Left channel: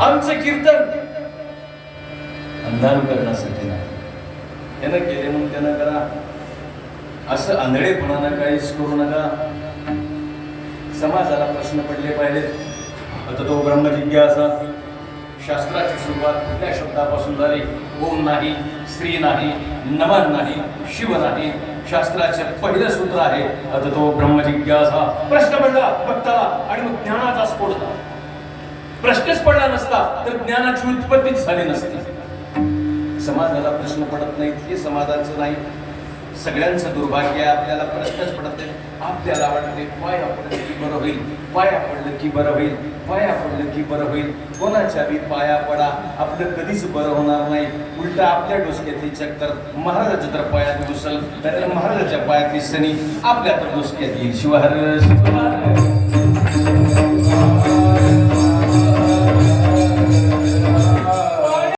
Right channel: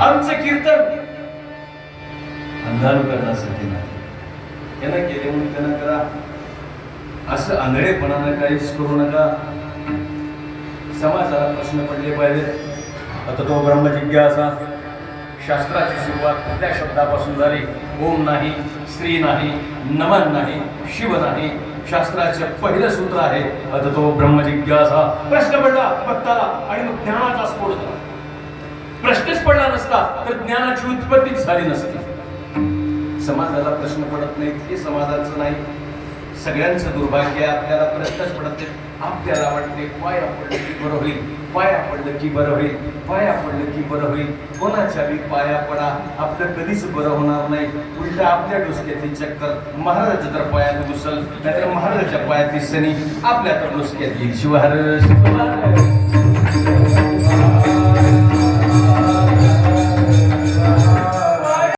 आमचं कीर्तन. अंधारू करण्यासाठी नाही त्यानं केले म्हणून त्यानं करा. असं आंधळेपणानं काहीच करू नका. समाजाला प्रश्न पडले पाहिजे आता तो ब्रह्मजिज्ञासा. शास्त्राची सुरुवात कुठल्या शब्दापासून झाली? ओम नाही स्त्री नाही नमन नाही शिव नाही. शास्त्राचे पहिलं सूत्र आहे. आता तो ब्रह्मजिज्ञासा. प्रश्न पडला बघता आणि मग ज्ञानाचा स्फोट झाला प्रश्नच पडला नसता तर ज्ञानाची उत्पत्तीच झाली नसती. समाजाला प्रश्न पडत नाहीत हे समाजाचं नाही. सगळ्यांचं दुर्भाग्य आपल्याला प्रश्नच पडत नाही आपल्याला वाटते पाया पडलं की बरं होईल? पाया पडलं की बरं होईल? पाया पडलं की बरं होईल? कोणाच्या बी पाया पडा आपलं कधीच बरं होणार नाही. उलट आपल्या डोसक्यातली चक्कर महाराजाच्या तर पायात घुसल नाहीतर महाराजाच्या पायातली सनी आपल्या तर डोसक्यात येईल. शिवाय